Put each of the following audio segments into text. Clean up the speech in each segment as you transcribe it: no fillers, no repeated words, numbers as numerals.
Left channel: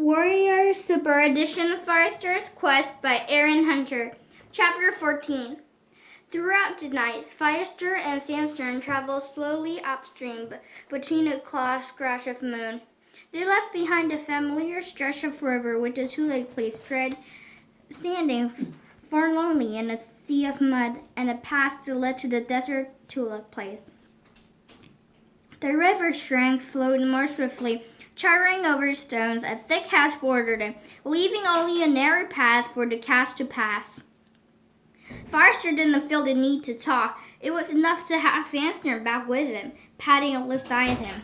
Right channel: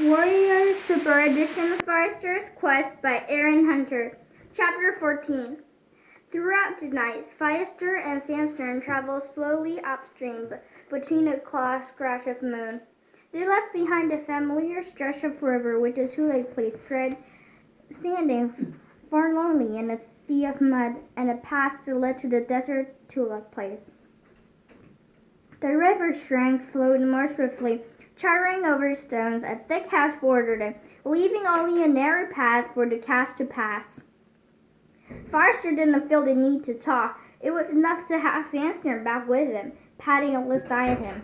Warrior Super Edition Firestar's Quest by Aaron Hunter. Chapter 14. Throughout the night, Firestar and Sandstorm travel slowly upstream between a claw scratch of moon. They left behind a familiar stretch of river with the two-leg place standing forlornly in a sea of mud and a path that led to the desert tulip place. The river shrank, flowed more swiftly, charring over stones. A thick hedge bordered it, leaving only a narrow path for the cats to pass. Firestar didn't feel the need to talk. It was enough to have Sandstorm back with him, padding alongside him.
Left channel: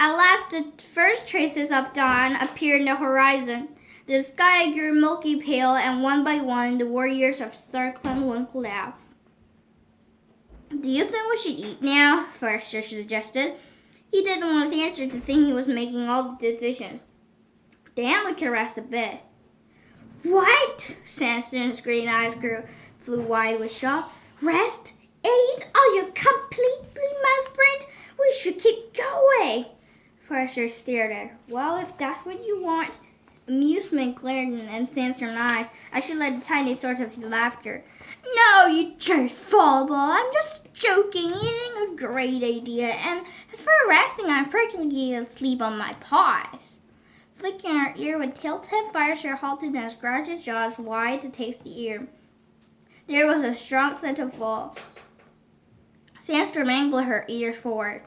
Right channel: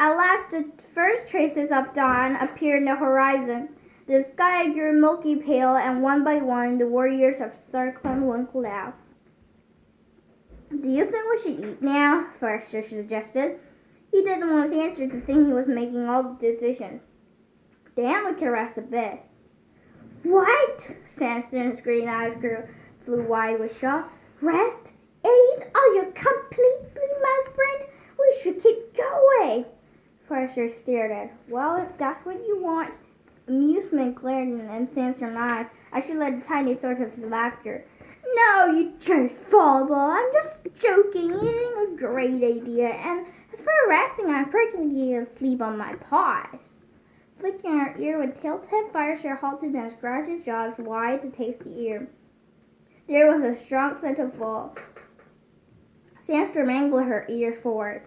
At last, the first traces of dawn appeared in the horizon. The sky grew milky pale, and one by one, the warriors of Starkland winkled out. "Do you think we should eat now?" Firestar suggested. He didn't want Sandstorm to think he was making all the decisions. "Then we can rest a bit." "What?" Sandstorm's green eyes flew wide with shock. "Rest? Eat? Are you completely mouse-brained? We should keep going." Firestar stared at her. "Well, if that's what you want." Amusement glared in Sandstorm's eyes as she led a tiny sort of laughter. "No, you jerk-fallball. I'm just joking. Eating a great idea. And as for resting, I'm pretty asleep on my paws." Flicking her ear with tail-tip, Firestar halted and scratched his jaws wide to taste the air. There was a strong scent of fall. Sandstorm angled her ears forward.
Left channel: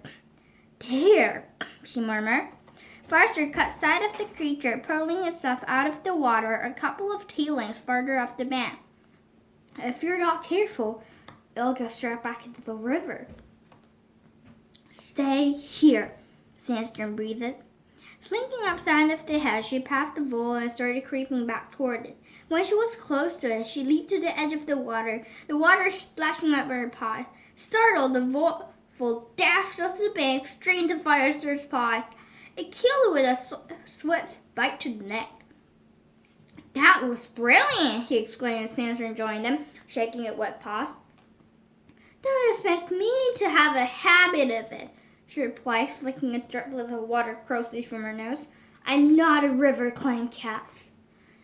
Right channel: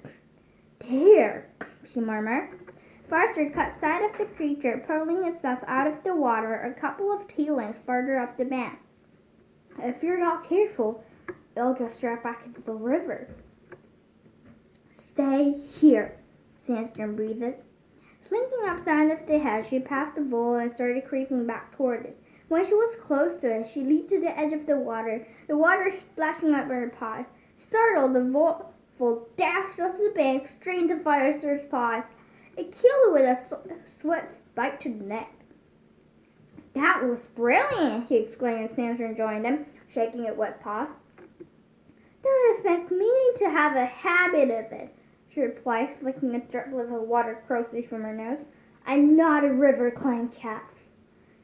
"There," she murmured. Firestar caught sight of the creature pulling itself out of the water a couple of tailings farther up the bank. "If you're not careful, it'll get strapped back into the river." "Stay here," Sandstorm breathed. Slinking outside of the hedge, she passed the vole and started creeping back toward it. When she was close to it, she leaped to the edge of the water splashing up her paws. Startled, the vole dashed off the bank straight into Firestar's paws. It killed it with a swift bite to the neck. "That was brilliant!" he exclaimed as Sandstorm joined him, shaking its wet paws. "Don't expect me to have a habit of it," she replied, flicking a droplet of water closely from her nose. "I'm not a river clan cat."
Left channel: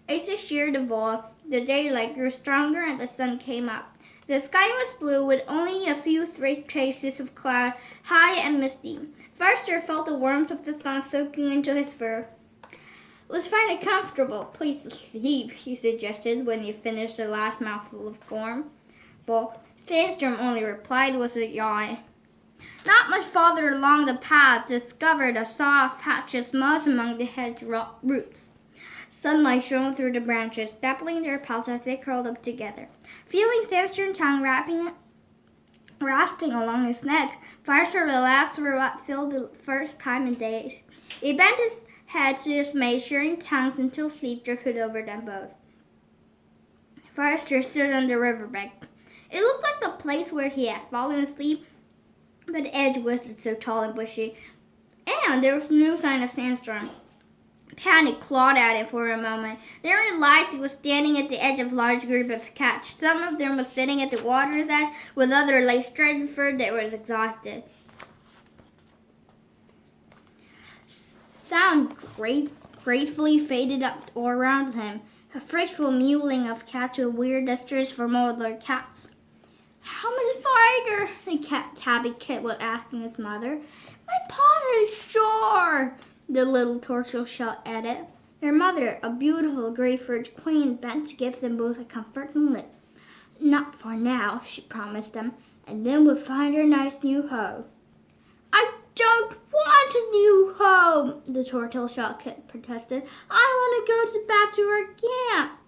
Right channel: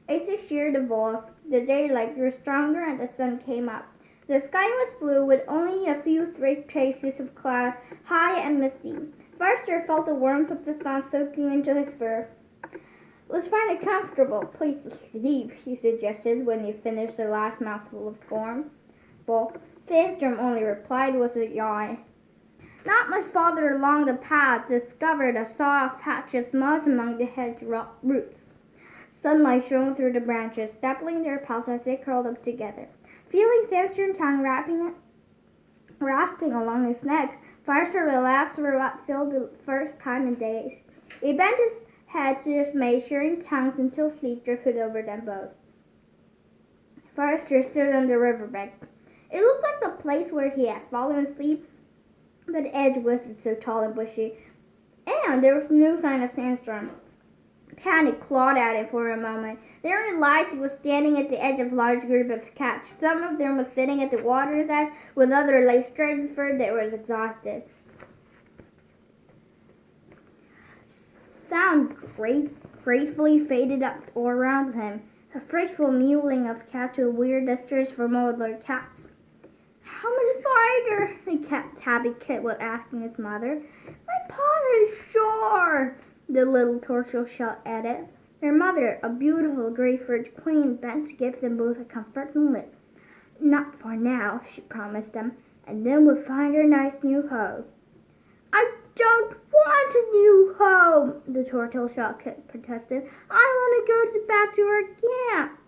Asa sheared the vole. The daylight grew stronger and the sun came up. The sky was blue with only a few stray traces of cloud, high and misty. Firestar felt the warmth of the sun soaking into his fur. "Let's find a comfortable place to sleep," he suggested when he finished the last mouthful of corn. Sandstorm only replied with a yawn. Not much farther along the path, discovered a soft patch of moss among the hedge roots. Sunlight shone through the branches, dappling their pelts as they curled up together. Feeling Sandstorm's tongue rasping along his neck, Firestar relaxed for what felt the first time in days. He bent his head to dismay, sharing tongues until sleep drifted over them both. Firestar stood on the riverbank. It looked like the place where he had fallen asleep, but the edge wasn't so tall and bushy, and there was no sign of Sandstorm. Panic clawed at him for a moment. Then he realized he was standing at the edge of a large group of cats. Some of them were sitting at the water's edge, while others lay stretched fur that was exhausted. Sound gracefully faded up all around him. A frightful mewling of cats with weird gestures from older cats. "How much farther?" the tabby kid was asking his mother. "My paws are sore," the little tortoise shell added. Their mother, a beautiful gray-furred queen, bent to give them both a comforting lick. "Not for now," she promised them, "and then we'll find our nice new home." "I don't want a new home," the tortoise shell kid protested. "I want to go back to our camp."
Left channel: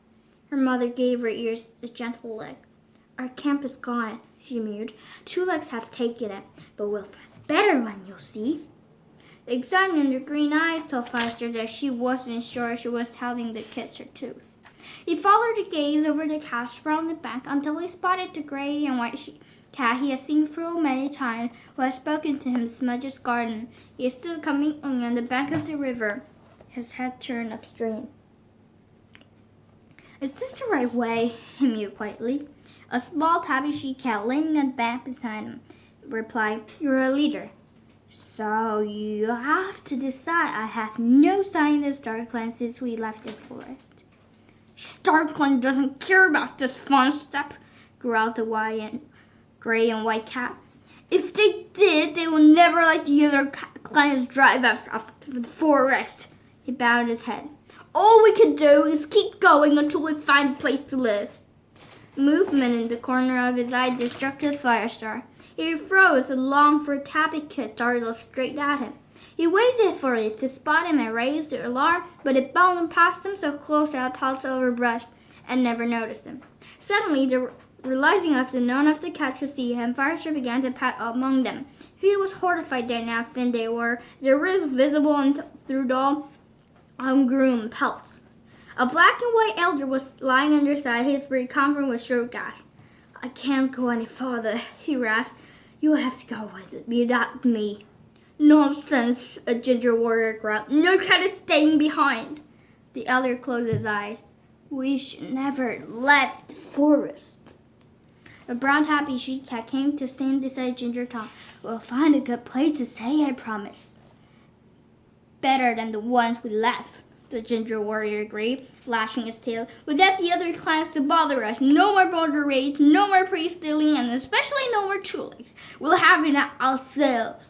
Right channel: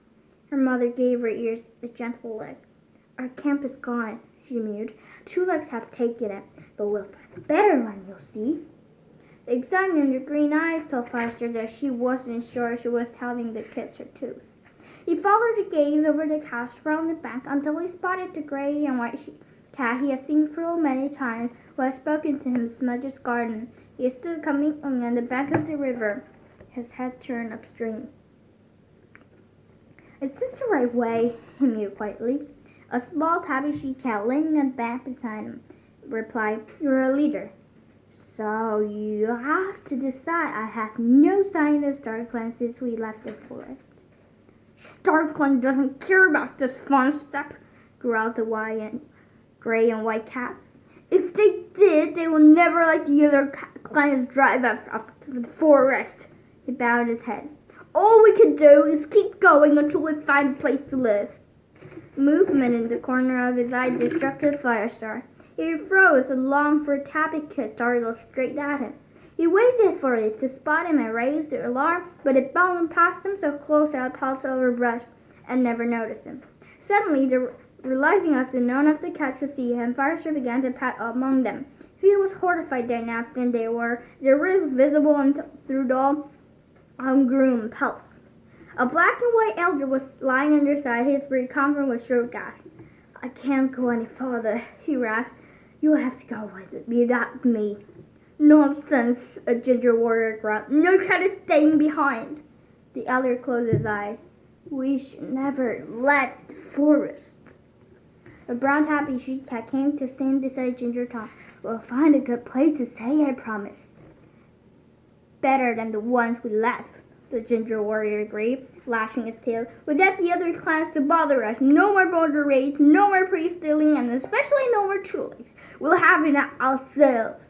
Her mother gave her ears a gentle lick. "Our camp is gone," she mewed. "Two legs have taken it, but we'll find a better one, you'll see." The excitement in her green eyes told Firestar that she wasn't sure she was telling the kids her truth. He followed her gaze over the cash around the bank until he spotted the gray and white cat he had seen so many times, who had spoken to him in Smudge's garden. He stood coming on the bank of the river, his head turned upstream. "Is this the right way?" he mewed quietly. A small tabby she cat leaning on the bank beside him replied, "You're a leader." So you have to decide. I have no sign of StarClan since we left the forest. StarClan doesn't care about this fun stuff, growled the gray and white cat. If they did, they will never let the other clans drive out of the forest. He bowed his head. All we can do is keep going until we find a place to live. Movement in the corner of his eye distracted Firestar. He froze and longed for Tabby to dart straight at him. He waited for it to spot him and raise the alarm, but it bounded past him so close that it pounced over brush and never noticed him. Suddenly, realizing of the none of the cats could see him, Firestar began to pat among them. He was horrified at how thin they were, their ribs visible through dull, ungroomed pelts. A black and white elder was lying on their side, his breath covering with short gasps. I can't go any farther, he rasped. You'll have to go without me. Nonsense, a ginger warrior growled. No cat is staying behind. The elder closed his eyes. We should never left the forest. A brown tabby she-cat came to stand beside Ginger Tom. We'll find a good place to stay, I promise. Better than the ones we left, the ginger warrior agreed, lashing his tail. Without the other clans to bother us, no more border raids, no more priest stealing, and especially no more tulips. We'll have it ourselves.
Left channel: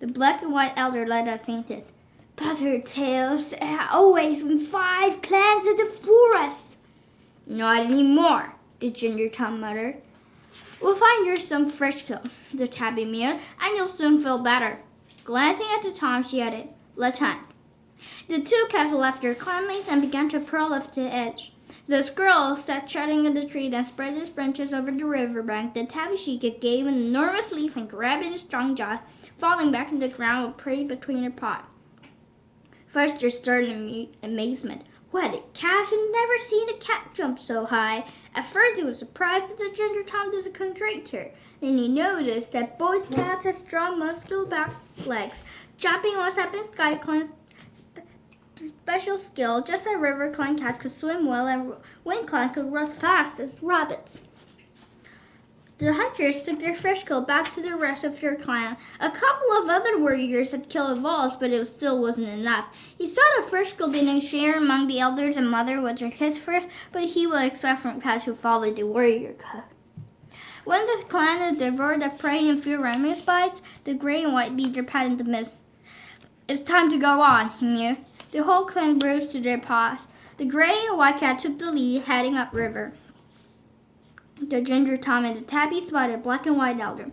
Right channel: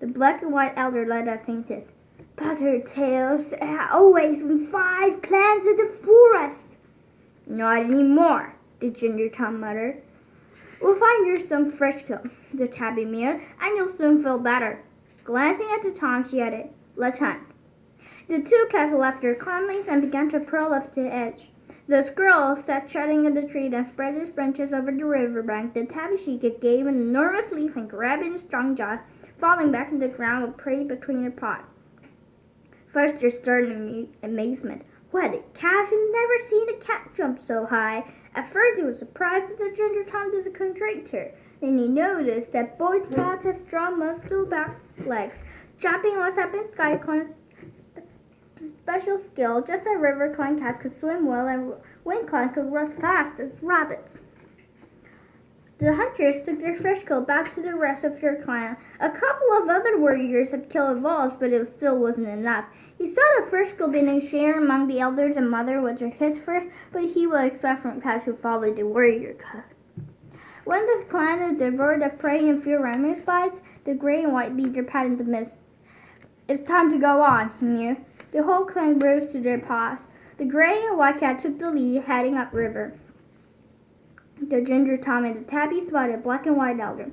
The black and white elder let out faint hiss. Butter tales always been 5 clans in the forest. Not anymore, the ginger Tom muttered. We'll find you some fresh kill, the tabby mewed, and you'll soon feel better. Glancing at the Tom, she added, let's hunt. The 2 cats left their clanmates and began to crawl off the edge. The squirrel sat chatting in the tree, then spread his branches over the riverbank. The tabby she-cat gave an enormous leap and grabbed in his strong jaws, falling back in the ground with prey between her paws. First, they stared in amazement. What, a cat had never seen a cat jump so high. At first, he was surprised that the ginger Tom doesn't contradict her. Then he noticed that both cats had strong, muscular back legs. Jumping was having SkyClan's special skill, just as River Clan cats could swim well and Wind Clan could run fast as rabbits. The hunters took their fresh kill back to the rest of their clan. A couple of other warriors had killed wolves, but it still wasn't enough. He saw the fresh kill being shared among the elders and mother with their kids first, but he would expect from cats who followed the warrior cut. When the clan had devoured the prey and few ramus bites, the gray and white leader patted the mist. It's time to go on, he mewed. The whole clan rose to their paws. The gray and white cat took the lead, heading upriver. The ginger Tom and the tabby spotted a black and white elder.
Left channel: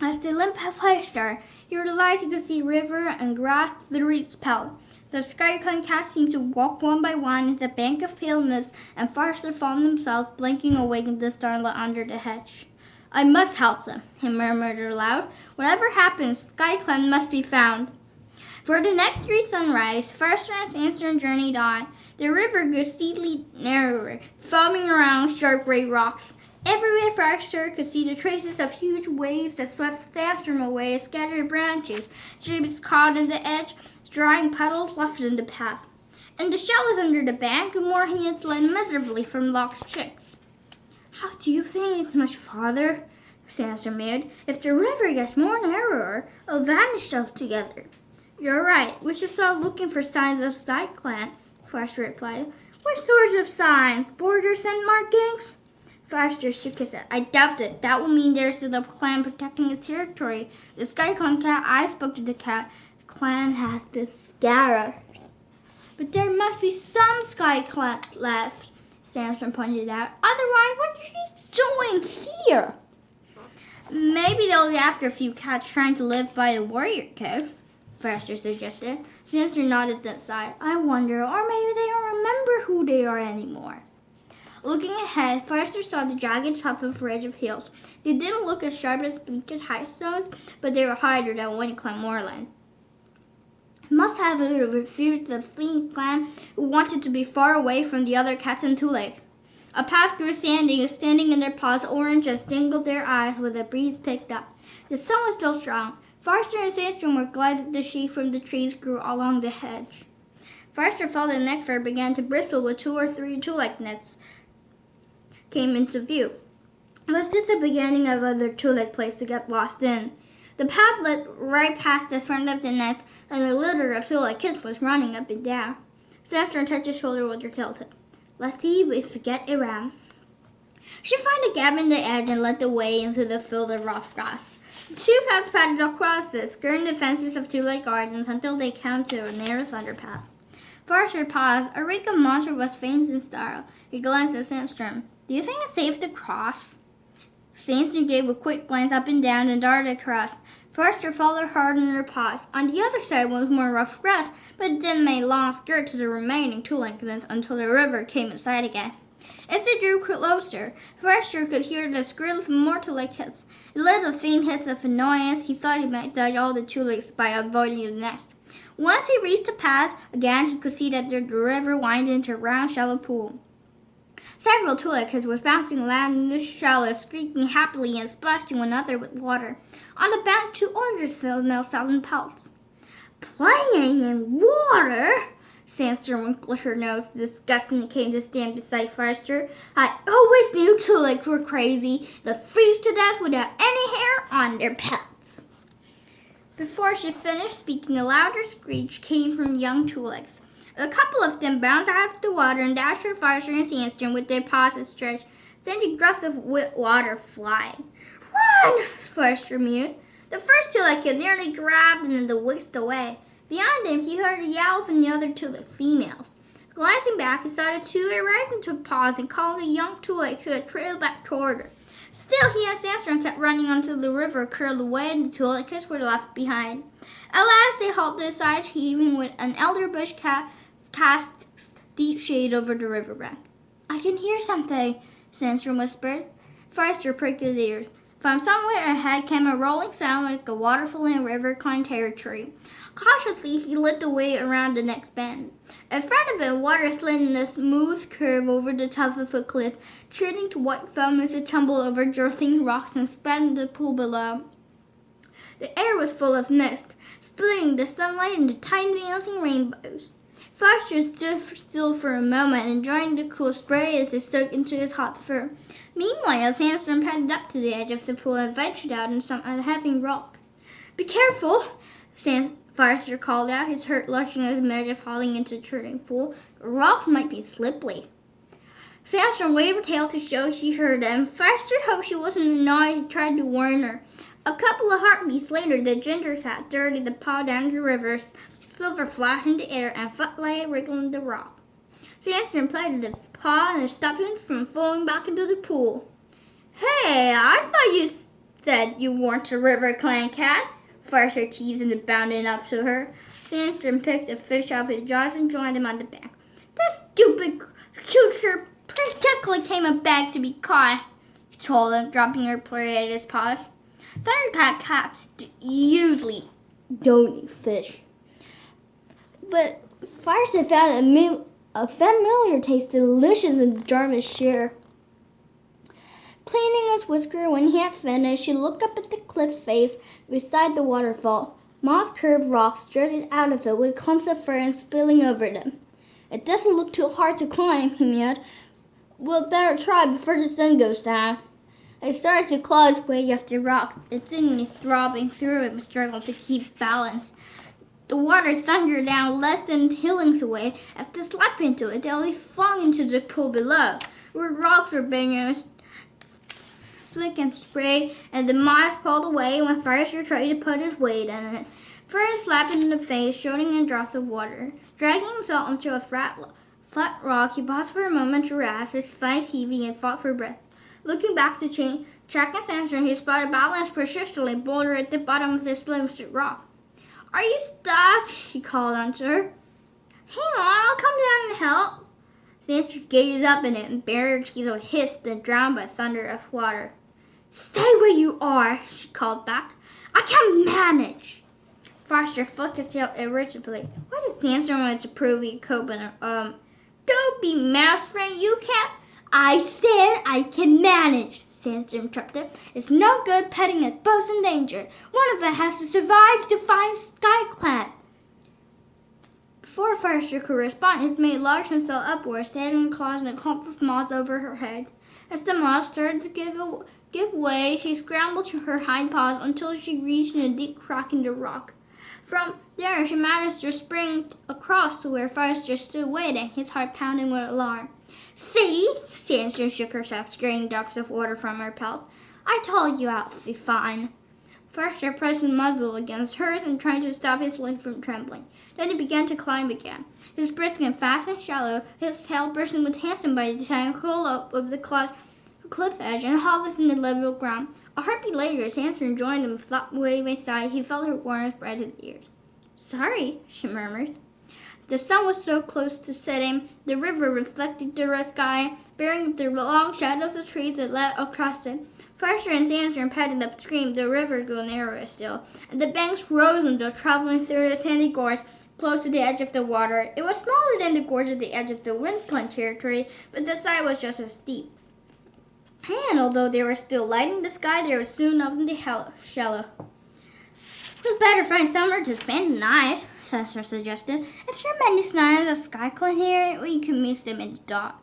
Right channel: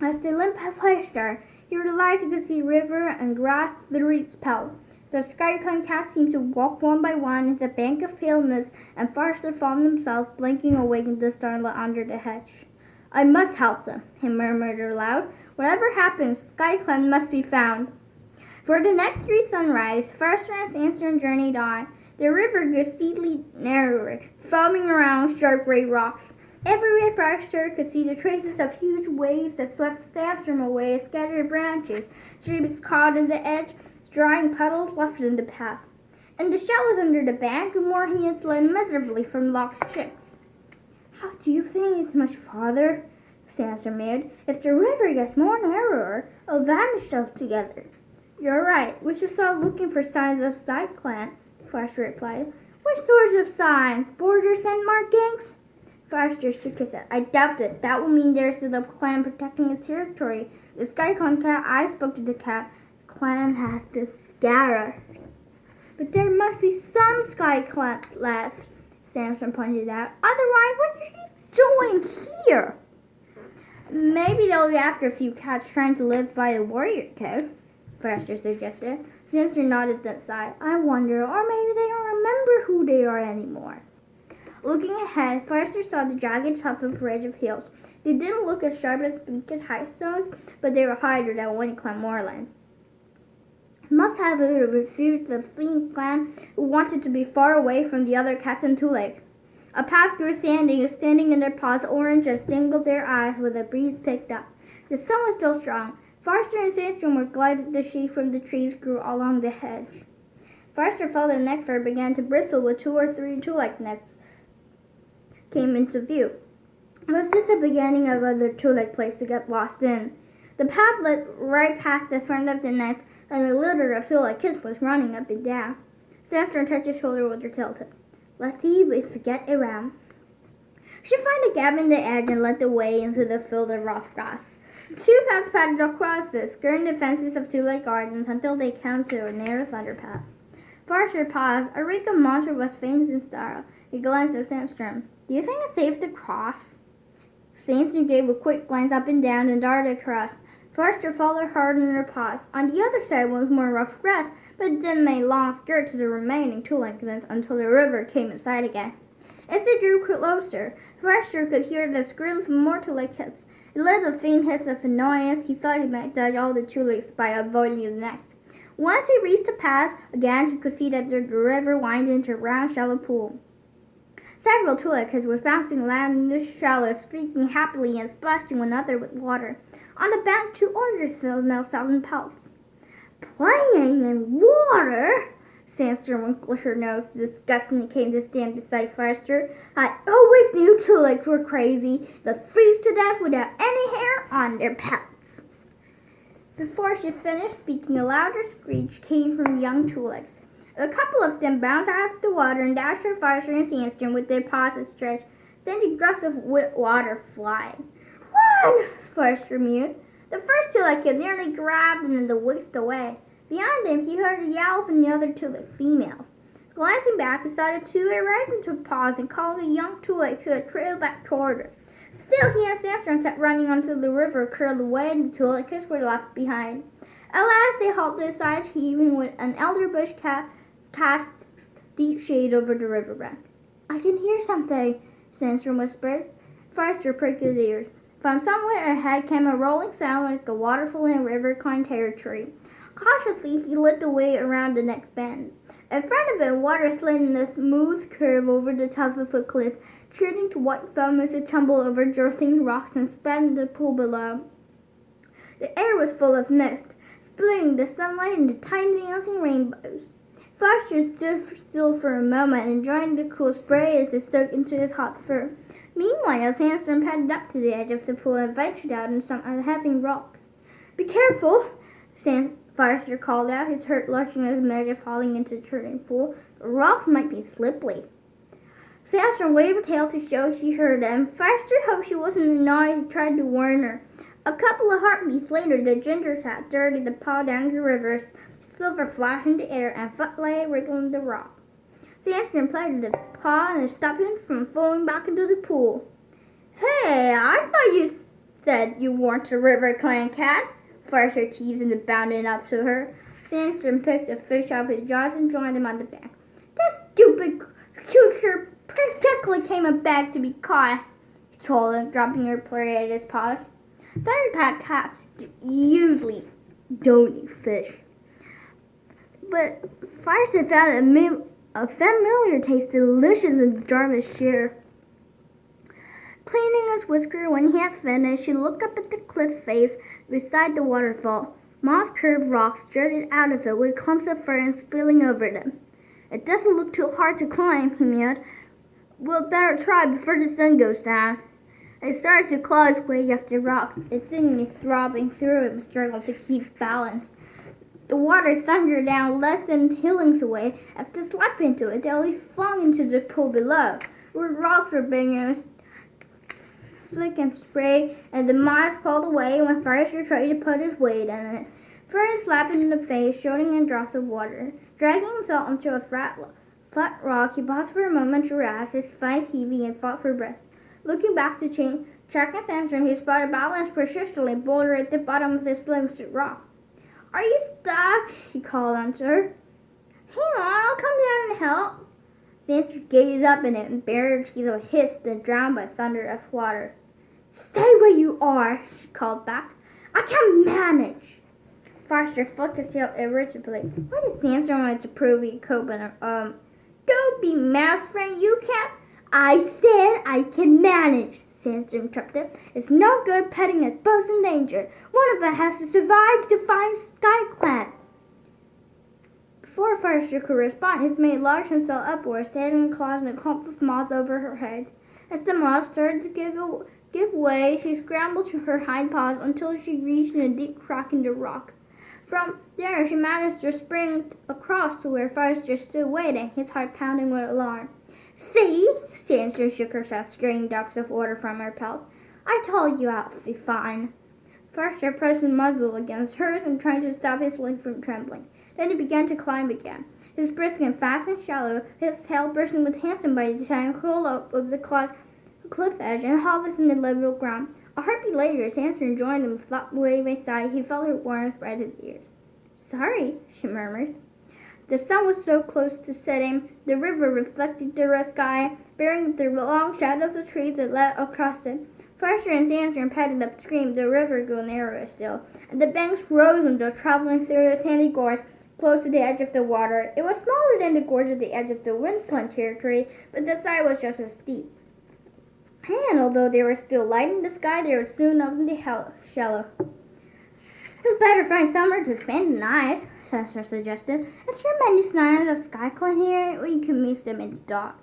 As they limped past Firestar, he realized he could see river and grass through its pelt. The SkyClan cats seemed to walk one by one into the bank of pale mist, and Firestar found himself blinking awake in the starlight under the hedge. I must help them, he murmured aloud. Whatever happens, SkyClan must be found. For the next 3 sunrise, Firestar and Sandstorm journeyed on. The river grew steadily narrower, foaming around sharp gray rocks. Everywhere Firestar could see the traces of huge waves that swept Sandstorm away as scattered branches, streams caught in the edge, drying puddles left in the path. In the shallows under the bank, moorhens led miserably from lost chicks. How do you think it's much farther? Sandstorm mewed. If the river gets more narrower, it'll vanish altogether. You're right. We should start looking for signs of SkyClan, Firestar replied. What sorts of signs? Border scent markings? Firestar shook his head. I doubt it. That will mean there's still a clan protecting its territory. The SkyClan cat I spoke to the cat. The clan has been scattered. But there must be some SkyClan left, Sandstorm pointed out. Otherwise, what are you doing here? Maybe they'll be after a few cats trying to live by a warrior code, Firestar suggested. Sandstorm nodded that side. I wonder, or maybe they don't remember who they are anymore. Looking ahead, Firestar saw the jagged top of a ridge of hills. They didn't look as sharp as bleaked high stones, but they were higher than Wind Clan moorland. Must have refused the fleeing clan who wanted to be far away from the other cats in Tulip. A path grew standing in their paws, orange as dingled their eyes with a breeze picked up. The sun was still strong. Firestar and Sandstorm were glad that the shade from the trees grew along the hedge. Firestar felt the neck fur began to bristle with 2 or 3 tulip nets came into view. Was this the beginning of other tulip place to get lost in? The path led right past the front of the nest, and a litter of tulip kids was running up and down. Sandstorm touched his shoulder with her tail tip. Let's see if we get around. She found a gap in the edge and led the way into the field of rough grass. The two cats paddled across it, skirting the fences of tulip gardens until they came to a narrow thunder path. Forrester paused. A reek of monster was faint and startled. He glanced at Sandstorm. Do you think it's safe to cross? Sandstorm gave a quick glance up and down and darted across. Forrester followed hard in her paws. On the other side was more rough grass, but then made long skirt to the remaining tulip gardens until the river came in sight again. As they drew closer, Forrester could hear the squeal of more tulip kids. It led a faint hiss of annoyance. He thought he might dodge all the tulips by avoiding the nest. Once he reached the path again, he could see that the river wound into a round, shallow pool. Several tulip kids were bouncing around in the shallows, squeaking happily and splashing one another with water. On the bank, two older females sat in pelts. Playing in water? Sandstorm wrinkled her nose disgustingly came to stand beside Forrester. I always knew tulips were crazy. They'll freeze to death without any hair on their pelts. Before she finished speaking, a louder screech came from young tulips. A couple of them bounced out of the water and dashed at Forrester and Sandstorm with their paws stretched, sending gusts of wet water flying. Run! Forrester mewed. The first tulip kid nearly grabbed him and whisked away. Behind him, he heard a yell from the other tulip females. Glancing back, he saw the tulip rise into a pause and called the young tulip to a trail back toward her. Still, he and Sandstorm kept running until the river curled away and the tulip kids were left behind. At last, they halted, sides heaving, with an elder bush cast deep shade over the riverbank. I can hear something, Sandstorm whispered. Forrester pricked his ears. From somewhere ahead came a rolling sound like a waterfall in river climb territory. Cautiously, he led the way around the next bend. In front of him, water slid in a smooth curve over the top of a cliff, turning to white foam as it tumbled over jostling rocks and spat in the pool below. The air was full of mist, splitting the sunlight into tiny dancing rainbows. Forrester stood still for a moment, enjoying the cool spray as it soaked into his hot fur. Meanwhile, Sandstorm paddled up to the edge of the pool and ventured out on some heavy rock. Be careful, Forrester called out, his heart lurching as Measure falling into the churning pool. The rocks might be slippery. Sandstorm waved her tail to show she heard them. Forrester hoped she wasn't annoyed and tried to warn her. A couple of heartbeats later, the ginger cat darted the paw down the river, silver flashed in the air, and footlight wriggling the rock. Sandstorm played the paw and stopped him from falling back into the pool. Hey, I thought you said you weren't a river clan cat. Forrester teased and bounded up to her. Sandstorm picked a fish off his jaws and joined him on the bank. That stupid creature practically came back to be caught, he told him, dropping her prey at his paws. Thundercat cats usually don't eat fish. But Forrester found a familiar taste delicious in Jarvis' share. Cleaning his whisker when he had finished, she looked up at the cliff face beside the waterfall. Moss-curved rocks jutted out of it with clumps of ferns spilling over them. It doesn't look too hard to climb, he mewed. We'll better try before the sun goes down. It started to claw its way up the rocks, its kidneys throbbing through him, struggling to keep balance. The water thundered down less than 2 lengths away. After slapping into it, they flung into the pool below, where rocks were being slick and spray, and the moss pulled away when Forrester tried to put his weight on it. First slapped in the face, shooting in drops of water. Dragging himself onto a flat rock, he paused for a moment to rest, his face heaving and fought for breath. Looking back to check and Sandstorm, he spotted a balanced persistently boulder at the bottom of the slim rock. Are you stuck? He called onto her. Hang on, I'll come down and help. Sandstorm gazed up at it and buried her teeth were hissed and drowned by thunder of water. Stay where you are, she called back. I can manage. Forrester flicked his tail irritably. What did Sandstorm want to prove he could open her? Don't be mouse friend, you can't. I said I can manage, Sandstorm interrupted him. It's no good petting at boats in danger. One of us has to survive to find Skyclap. Before Forrester could respond, his mate launched himself upwards, standing claws and a clump of moss over her head. As the moss started to give give way, she scrambled to her hind paws until she reached a deep crack in the rock. From there, she managed to spring across to where Firestar stood waiting, his heart pounding with alarm. See? Sandstone shook herself, squirting drops of water from her pelt. I told you I'll be fine. Firestar pressed his muzzle against hers and tried to stop his leg from trembling. Then he began to climb again. His breath became fast and shallow, his tail bursting with handsome by the time he curled up over the cliff edge and hovered in the level ground. A heartbeat later, Sandstone joined him, flopped way by side. He felt her warm spread his ears. Sorry, she murmured. The sun was so close to setting, the river reflected the red sky, bearing the long shadow of the trees that led across it. Firestar and Sandstone paddled upstream. The river grew narrower still, and the banks rose until traveling through the sandy gorge close to the edge of the water. It was smaller than the gorge at the edge of the windplant territory, but the side was just as steep. And although they were still light in the sky, they were soon up in the shallow. We'd better find somewhere to spend the night, Sandstone suggested. If there are many signs of skyclone here, we can miss them in the dark.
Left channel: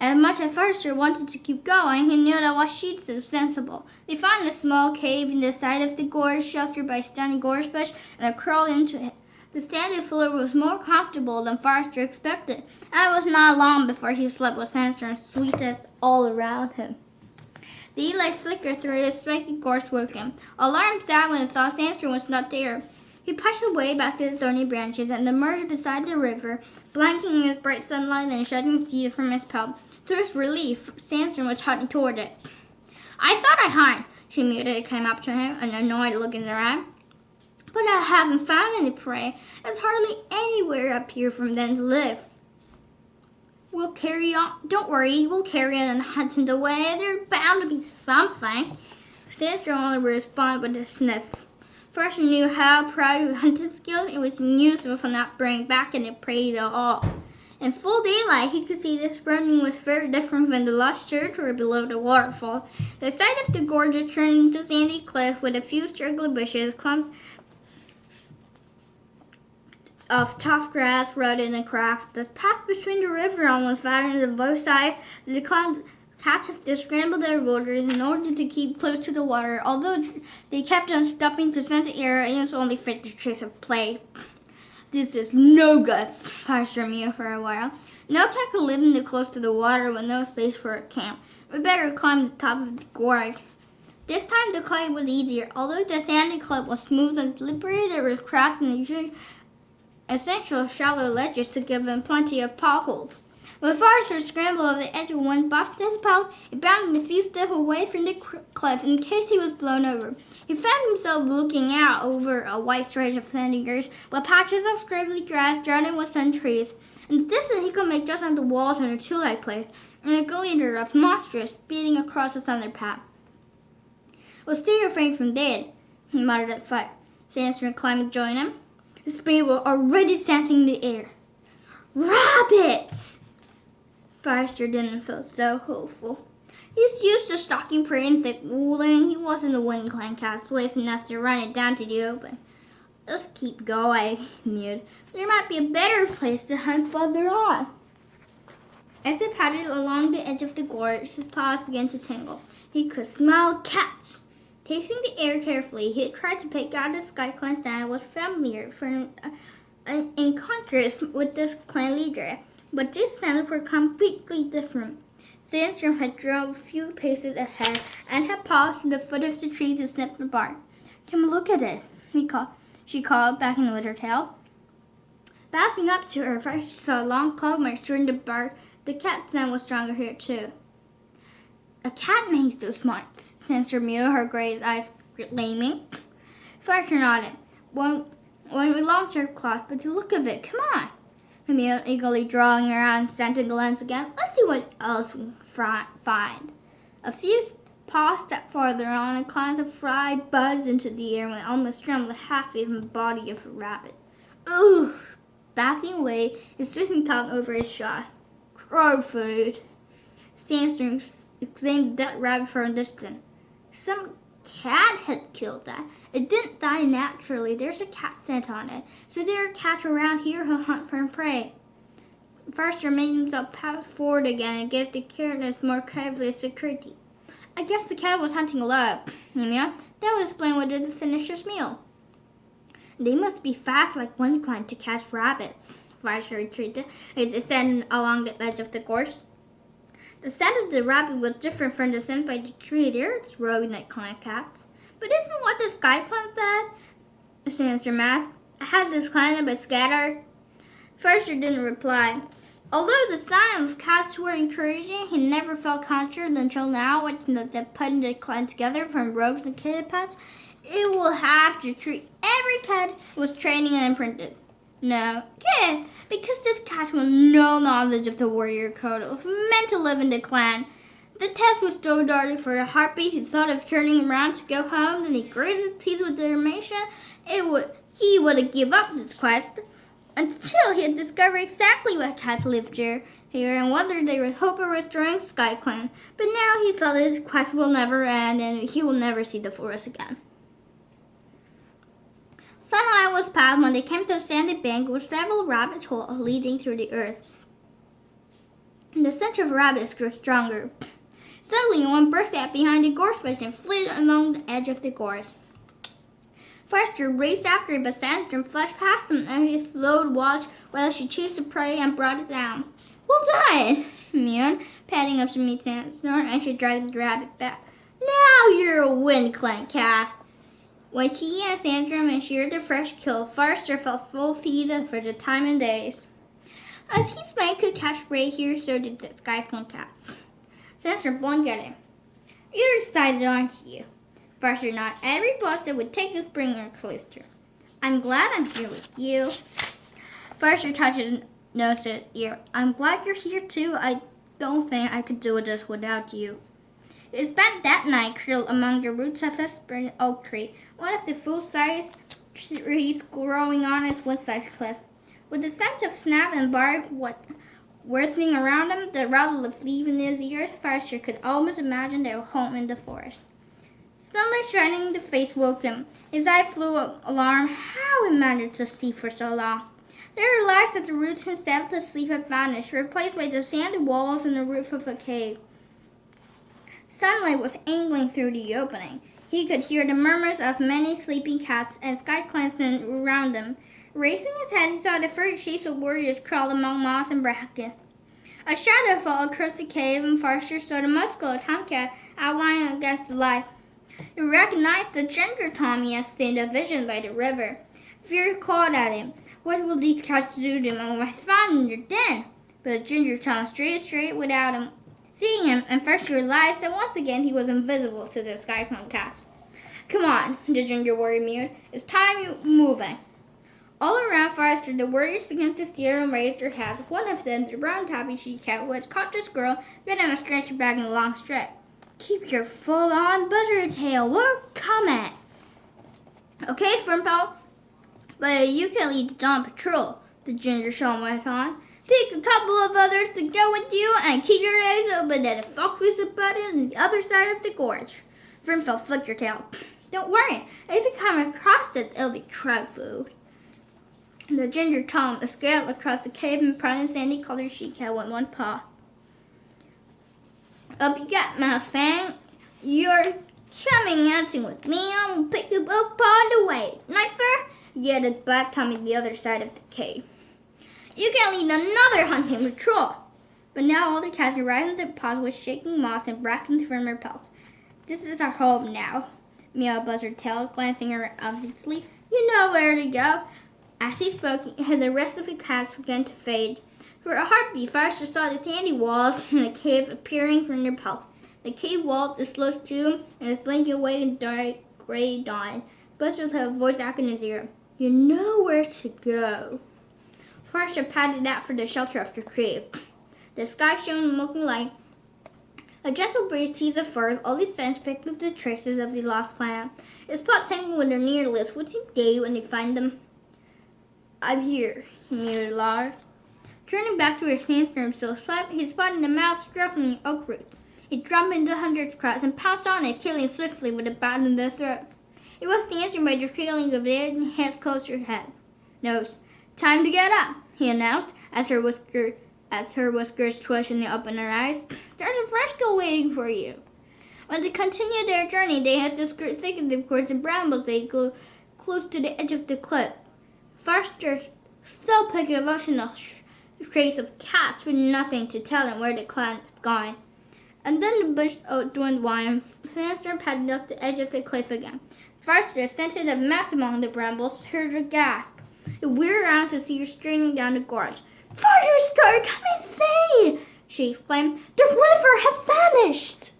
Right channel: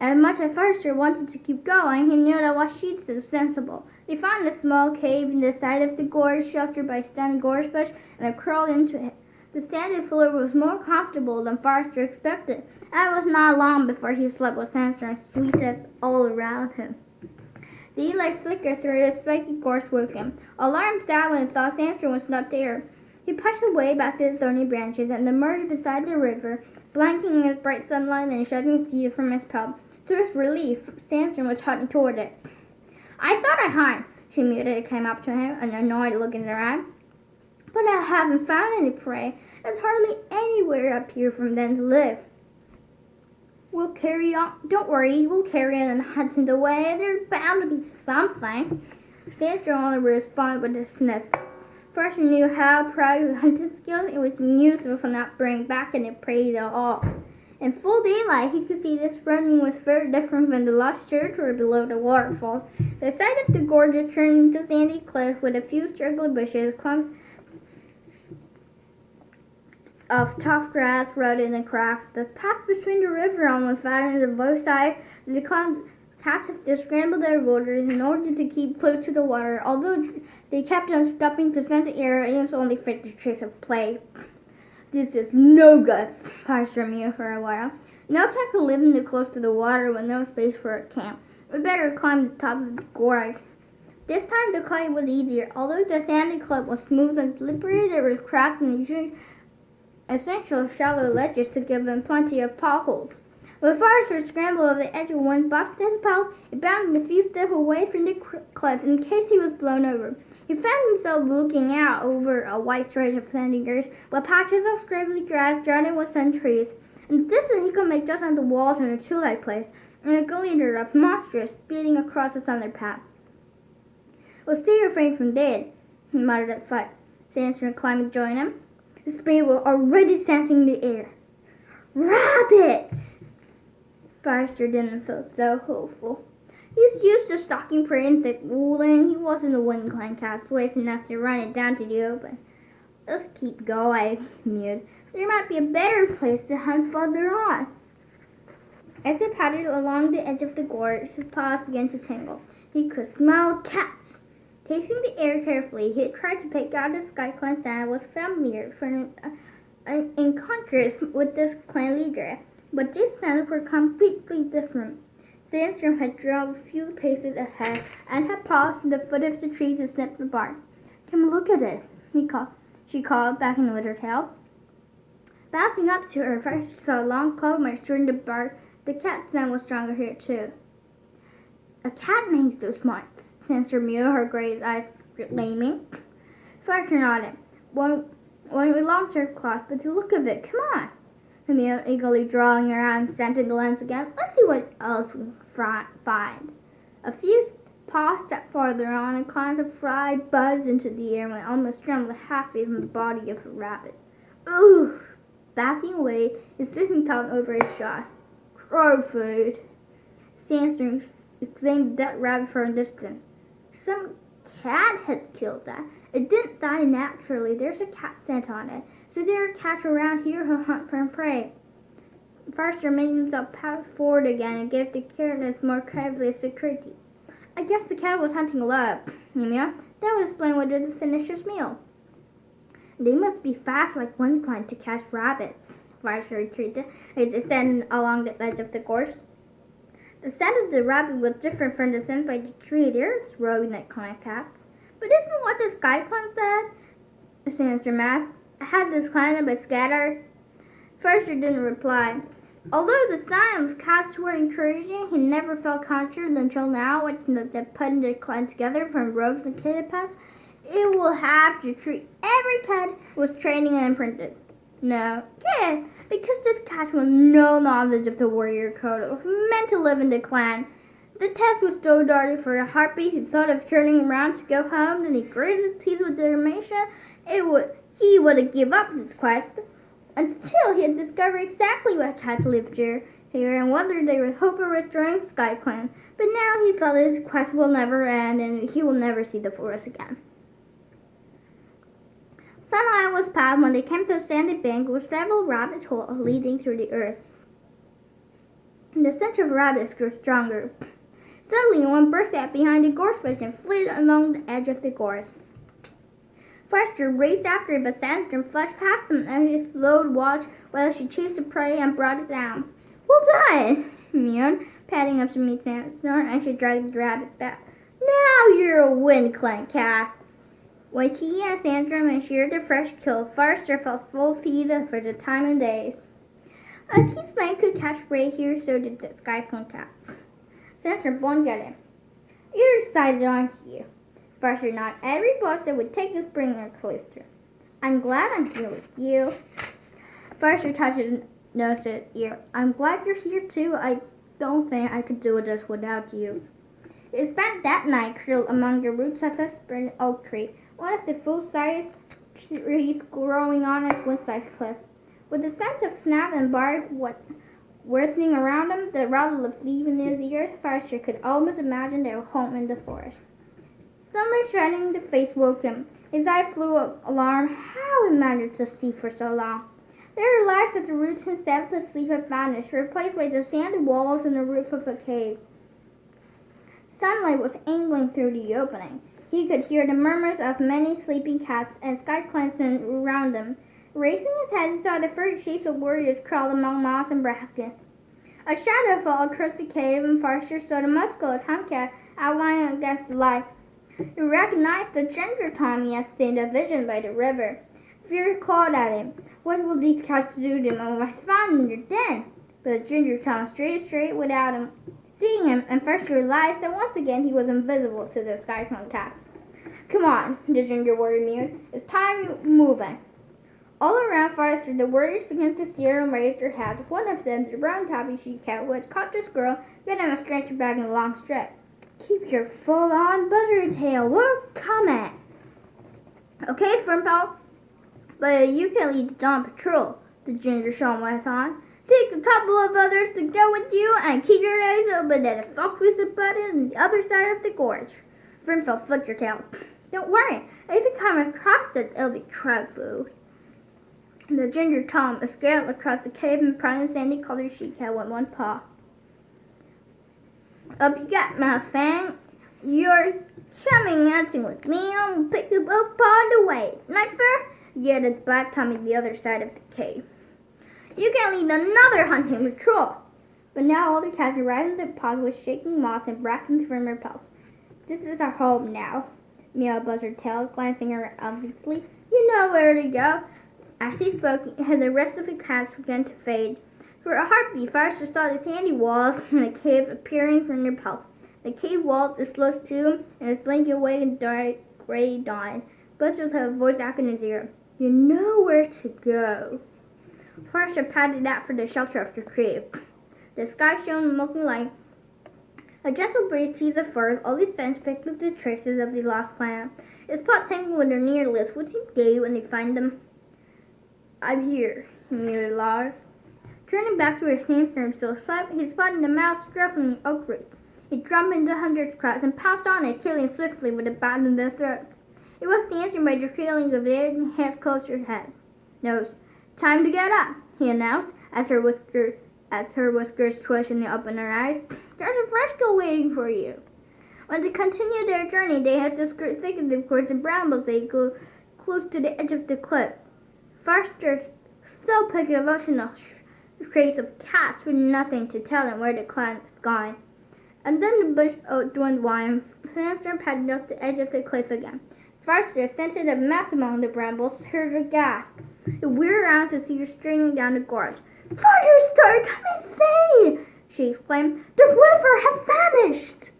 As much as Firestar wanted to keep going, he knew that what she'd so sensible. They found a small cave in the side of the gorge, sheltered by a stunning gorge bush, and crawled into it. The sandy floor was more comfortable than Firestar expected, and it was not long before he slept with Sandstone's sweetness all around him. The light flickered through the spiky gorse woke him. Alarmed sad when he thought Sandstone was not there. He pushed away back through the thorny branches and emerged beside the river, blanking in his bright sunlight and shedding seed from his pelt. To his relief, Sandstone was heading toward it. I thought I'd hide, she mewed as it came up to him, an annoyed look in her eye. But I haven't found any prey. There's hardly anywhere up here from them to live. We'll carry on. Don't worry, we'll carry on and hunt in the way. There's bound to be something. Sandstone only responded with a sniff. First, he knew how proud of his hunting skills. It was useful for not bringing back any prey at all. In full daylight, he could see the surrounding was very different from the lush territory below the waterfall. The side of the gorge turned into sandy cliff with a few straggly bushes, clumps of tough grass rooted in cracks. The path between the river almost vanished on both sides. The cats have scrambled their borders in order to keep close to the water. Although they kept on stopping to scent the air, it was only fit to trace of play. This is no good, Firestar mewed for a while. No cat could live in the close to the water with no space for a camp. We better climb the top of the gorge. This time the climb was easier. Although the sandy cliff was smooth and slippery, there was cracks and essential shallow ledges to give them plenty of potholes. When Firestar scrambled over the edge of one buffed his pelt, it bounded a few steps away from the cliff in case he was blown over. He found himself looking out over a wide stretch of sandy earth with patches of scribbly grass dotted with sun trees. In the distance, he could make just out the walls and a two-light place, and a glitter of monsters speeding across the thunder path. "We'll stay refrained from dead," he muttered at Fight. Sandstone climbed to join him. The speed were already scenting the air. Rabbits! Firestar didn't feel so hopeful. He's used to stalking prey in thick woodland. He wasn't a wind-clan cat swift enough to run it down to the open. Let's keep going, he mewed. There might be a better place to hunt farther on. As they paddled along the edge of the gorge, his paws began to tingle. He could smell cats. Tasting the air carefully, he tried to pick out the skyclan that was familiar in contrast with the clan leader, but these scents were completely different. Sandstone had drawn a few paces ahead and had paused at the foot of the tree to sniff the bark. Come look at it, she called, backing with her tail. Bouncing up to her, first she saw a long claw mark through the bark. The cat scent was stronger here too. A cat makes those marks, Sandstone mewed, her gray eyes gleaming. Firestar nodded. When we launched our claws, but to look of it, come on. He mewed, eagerly drawing her out and scenting the lens again. Let's see what else we find. A few paws stepped farther on, and clouds of fry buzzed into the air and almost trembled half in the body of a rabbit. Ugh! Backing away, his twisting tongue over his jaws. Crow food. Sandstone examined that rabbit for a distance. Some cat had killed that. It didn't die naturally. There's a cat scent on it. So there are cats around here who hunt for prey. Firestar made himself pass forward again and gave the careless more careful security. I guess the cat was hunting a lot. Yeah, that would explain why they didn't finish his meal. They must be fast like one client to catch rabbits, Forrester retreated as they standing along the edge of the gorge. The scent of the rabbit was different from the scent by the tree. There's rodent kind of cats. But isn't what the sky clan said? Sandstorm asked. Had this clan been scattered? Forrester didn't reply. Although the signs of cats were encouraging, he never felt confident until now, watching them putting the clan together from rogues and kitty pets. It will have to treat every cat was training an apprentice. No, good, because this cat with no knowledge of the warrior code was meant to live in the clan. The test was so darting for a heartbeat. He thought of turning around to go home, then he gritted his teeth with determination. He would give up the quest until he had discovered exactly what cats lived here and whether they would hope of restoring Sky Clan. But now he felt his quest will never end and he will never see the forest again. Sunlight was past when they came to a sandy bank with several rabbit holes leading through the earth. The stench of rabbits grew stronger. Suddenly, one burst out behind the gorge fish and fled along the edge of the gorge. Forrester raced after it, but Sandstorm flashed past him as she slowed watch while she chased the prey and brought it down. Well done, she mewed, padding up to meet Sandstorm as she dragged the rabbit back. Now you're a wind clan cat. When he and Sandstorm ensured the fresh kill, Forrester felt full feed for the time and days. As his man could catch prey here, so did the Sky Clan cats. Sandstorm blinked at him. You're excited, aren't you? Forrester nodded. Every boss that would take the Springer closer. I'm glad I'm here with you. Forrester touched his nose to his ear. I'm glad you're here too. I don't think I could do this without you. They spent that night curled among the roots of a spreading oak tree, one of the full-size trees growing on its one-side cliff. With the scent of snap and bark whirling around them, the rattle of leaves in his ears, Forrester could almost imagine their home in the forest. Sunlight shining in the face woke him. His eye flew up, alarmed. How he managed to sleep for so long. They relaxed at the roots and settled to sleep had vanished, replaced by the sandy walls and the roof of a cave. Sunlight was angling through the opening. He could hear the murmurs of many sleeping cats and Sky Clansmen around them. Raising his head, he saw the furry shapes of warriors crawl among moss and bracken. A shadow fell across the cave, and Forrester saw the muscular tomcat outlined against the light. He recognized the ginger Tom he had seen a vision by the river. Fear clawed at him. What will these cats do to him when I found in your den? But Ginger Tom straight without him. Seeing him, and Forrester realized that once again he was invisible to the Sky Clan cats. Come on, the ginger warrior mewed. It's time moving. All around Forrester, the warriors began to steer and raise their hats. One of them, the brown tabby she-cat, who had caught the squirrel, gave him a stretcher bag and a long strap. Keep your full-on buzzer tail. We're coming. Okay, Fernpal, but you can lead the dawn patrol, the ginger shaman went on. Pick a couple of others to go with you and keep your eyes open at the fox with the button on the other side of the gorge. Fernpal flicked her tail. Don't worry, if you come across it, it'll be crab food. The ginger Tom scaled across the cave and prodded sandy-colored she-cat with one paw. Up you got, Mouse Fang. You're coming hunting with me. I'll pick you up on the way. Knifer, yelled Black Tommy the other side of the cave. You can lead another hunting patrol. But now all the cats arrived in their paws with shaking moss and bracken from their pelts. This is our home now, meowed Buzzard Tail, glancing around obviously. You know where to go. As he spoke, the rest of the cats began to fade. For a heartbeat, Forrester saw the sandy walls in the cave appearing from their pelts. The cave wall disclosed too, and was blinking away in dark gray dawn. Buzzard had a voice back in his ear. You know where to go. Forrester padded out for the shelter of the cave. The sky shone in milky light. A gentle breeze teased the fur. All these signs picked up the traces of the lost planet. His paws tangled with their near lips. What's he do when they find them? I'm here, he mewed aloud. Turning back to where Sandstorm still slept, he spotted the mouse scruffing the oak roots. He jumped into Hunter's crotch and pounced on it, killing swiftly with a bite in the throat. It was Sandstorm by the trailing of it and hands close to her head. Nose. Time to get up, he announced, as her whiskers twitched and they opened her eyes. There's a fresh kill waiting for you. When they continued their journey, they had to skirt thickets of cords and brambles. They go close to the edge of the cliff. Forster still picked a devotional trace of cats with nothing to tell them where the clan was going. And then the bush outdwelled one. Firestar padded up the edge of the cliff again. Forster, scented a mess among the brambles, heard her gasp. It wheeled around to see her straining down the gorge. "Firestar, come and see!" she exclaimed. "The river has vanished!"